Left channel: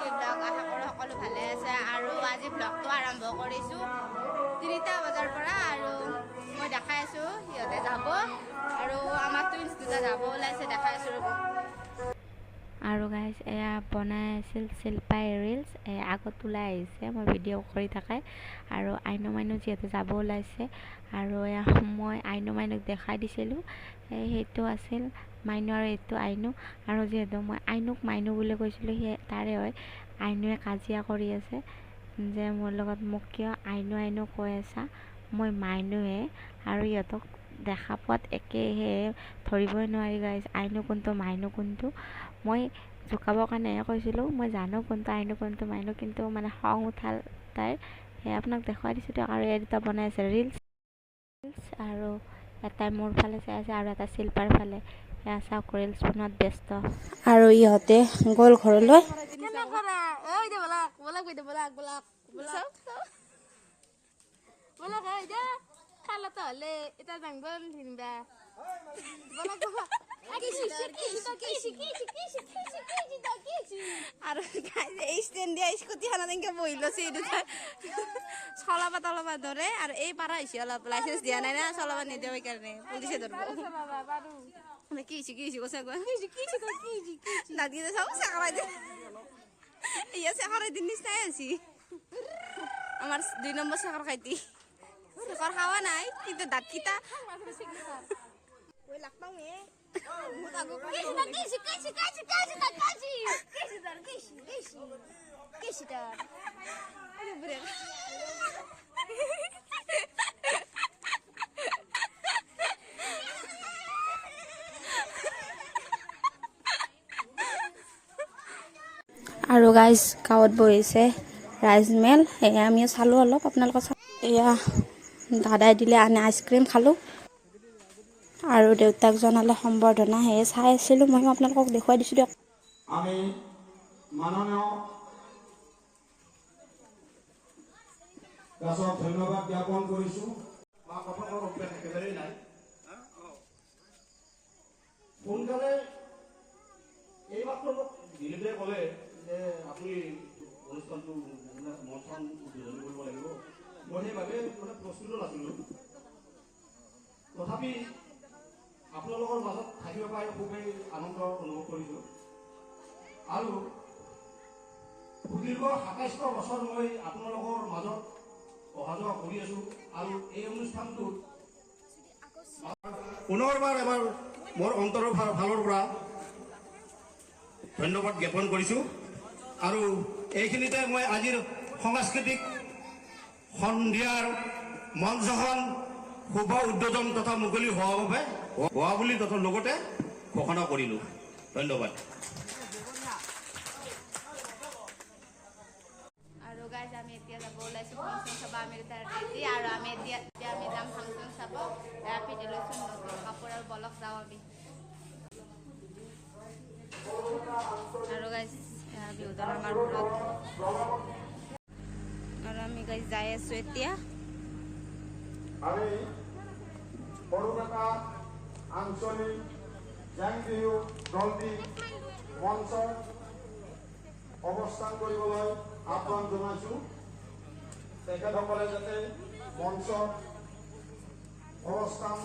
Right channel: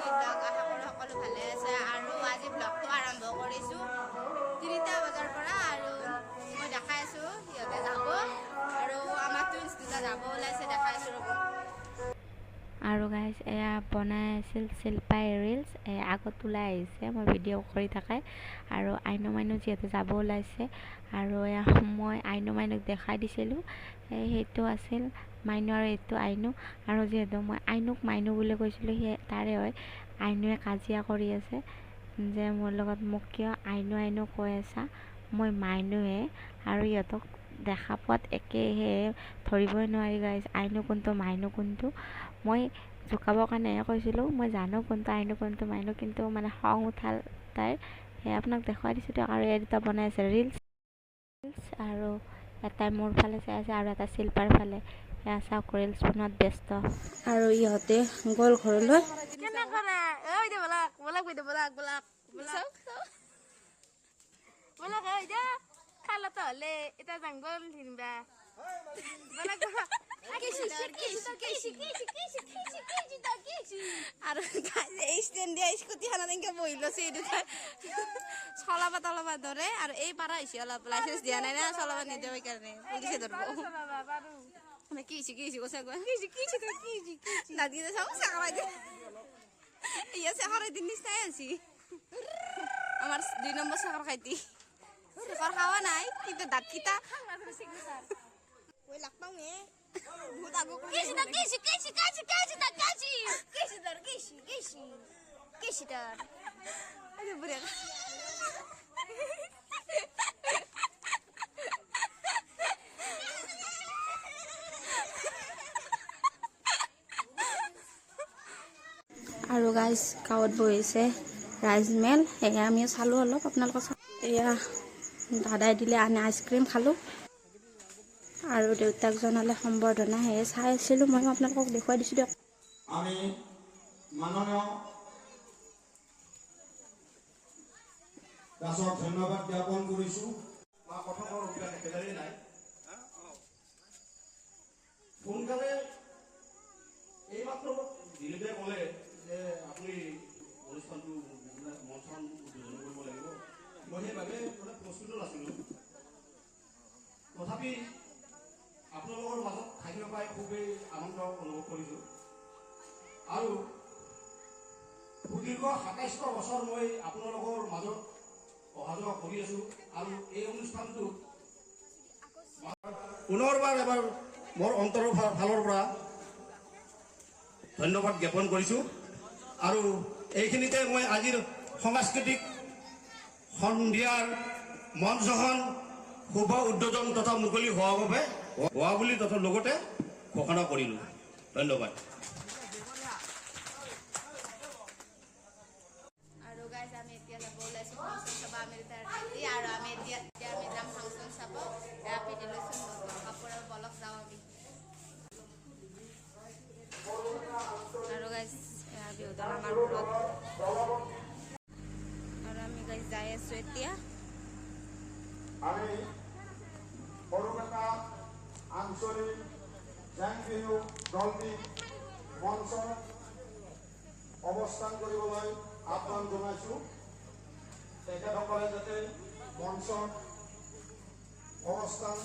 D blog আশা কৰোঁ সকলো ভালে আছে আৰু আজি ব্লগটো আৰম্ভ কৰিছোঁ 3টা বজাৰ পৰা আৰু মই দেখাই আছোঁ সিহঁতে যাব আৰু আমাৰ টুইনছ দুটা যাব ওলাইছে দেখাই আছোঁ ৰ'ব আৰু গাইজ এয়া বনাই আছিল শিল্পাই ৰিলছ আগত ওলাই আহিছে মই ভিডিঅ' কৰি থাকে আৰু আইনু মাইনু যিহেতু যাব ওলাইছে আৰু এয়া মই আইনু মাইনুক দেখাই দিছিলোঁ সেইটো আছিল মাইনু আৰু এইটো আইনু আৰু যিহেতু মই আইনুক মাইনু বুলি কৈছিলোঁ সেই তাৰে হয় আইনুৱে কাজিয়া কৰি আছে যে মোৰ লগত মোক কিয় আইনু আইনু কৈ আছা মই মাইনুহে আৰু ইহঁতক দেখা পোৱাত একেহে ধৰিবই নোৱাৰি গাইজ আইনু কোনটো মাইনু কোনটো মই জোকাবৰ কাৰণেহে কৈছিলোঁ মই জানো কোনটো আইনু কোনটো মাইনু কিন্তু মানে খং উঠাল তাইৰ সেই আপোনাক দেখুৱাই দিছোঁ দিয়ক আৰু এই দুটা বনাই আছে ৰিলছ আৰু এটাই মোৰ ফালে চাই আছে আৰু এটা শিল্পাৰ ফালে এয়া চাওক ৰিলছ বনোৱাত ব্যস্ত আৰু ইহঁতে গ'ল ঘৰলৈ আৰু এই ষ্টেণ্ড দিয়া স্কুটিখনত এনেকৈ বহি লৈছে এই দুটা চলাব তলাব ধৰে আৰু এই পাৰা হৈছে অলপ লাইচেঞ্চ দিয়া নাই না চলাব নিদিওঁ সেইকাৰণে পুলিচে ধৰিব কি কৈছে দাঁতকেইটা চাওঁ চাকৰাই দিন ইয়া চাকৰাই দিন নিচিনাই আছি আমাৰ 2 নম্বৰ চাকৰ খাইটি চাকৰ খাৱা নাই কিন্তু দাঁতকেইটা আৰু গাইজ গাঁৱত বহিছে ৰাইজমেল সেয়া আমি চালোঁ অলপ আপোনালোকক এয়া দাদাই দিলে আনে আইচক্ৰীম খালোঁ আৰু দেউতাক জনালে সম্বৰ্ধনা সেয়ে চাই আছিলোঁ মই আপোনালোকক দেখুৱাই দিছোঁ দিয়ক আমি মাননীয় দাসক ধন্যবাদ জ্ঞাপন কৰিছোঁ সোনকালে এইমাত্ৰ দিলীপে ক'লে যে আপুনি অনুষ্ঠানটো মঞ্চন উদ্বোধন কৰিব লাগিব মই সেইবাবে প্ৰস্তুত নাছিলোঁ তথাপি আপোনালোকৰ মাজত থাকিব পাই খুবেই আনন্দ অনুভৱ কৰিছোঁ আৰু সুদীৰ্ঘ ২৭ বছৰ মই আপোনালোকৰ মাজত অহা যোৱা কৰি আছোঁ আৰু এই অনুষ্ঠানটোত পুনৰবাৰ এবাৰ মোৰ অন্তৰৰ ফালৰ পৰা ধন্যবাদ জ্ঞাপন কৰিছোঁ আৰু এইখিনিতে মই আজিৰ সাংস্কৃতিক সন্ধিয়াৰ মঞ্চখন শুভ উদ্বোধন তথা মুকলি হোৱা বুলি তথা লগতে ঘোষণা কৰিলোঁ ধন্যবাদ আৰু গাইজ আমি এতিয়া যাব ওলাইছোঁ ফাংচন চাব আমি তাৰ ৰেডি আৰু আমি এতিয়া আমি যাম ফাংচন চাব এয়া পিন্ধি লৈছোঁ নতুন কাপোৰ আৰু বলক যাওঁ আমি আৰু গাইজ বিহুদল আমাৰ ঘৰত আৰু আমি গাইজ যাই আছোঁ এতিয়া আমি বৰপেটা আঞ্চলিক জেং বিহু দলটি মঞ্চত অৱস্থান কৰিবলৈ আহ্বান জনাইছোঁ তেখেতসকলে যাতে মঞ্চত অৱস্থান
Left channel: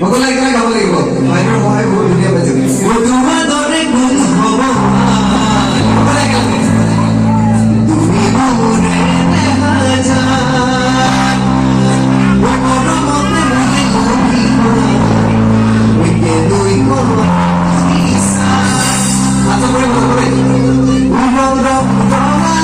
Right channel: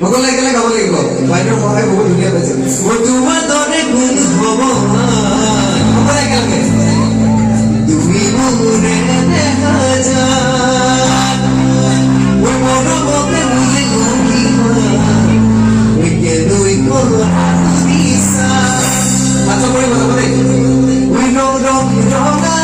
সকলোৱে একেলগে গাব লাগিব বাইদেউৰ সহায় বহুত ধুনীয়া পাইছে মই তোমাৰ দৰে গুণ হ'ব সকলোৱে একেলগে তুমি মোৰে দেখা যায় মই মৰমতে ৰুলি ঘূৰিবা মই কেলৈ কৰিছা আচ্ছা কৰি ভাল কৰে মই ৰং ৰং ৰঙা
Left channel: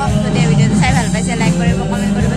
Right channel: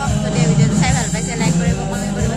কওক যদি ভিডিঅ'টো চাই ভাল পাইছে লাইক কৰিব কমেণ্ট কৰিব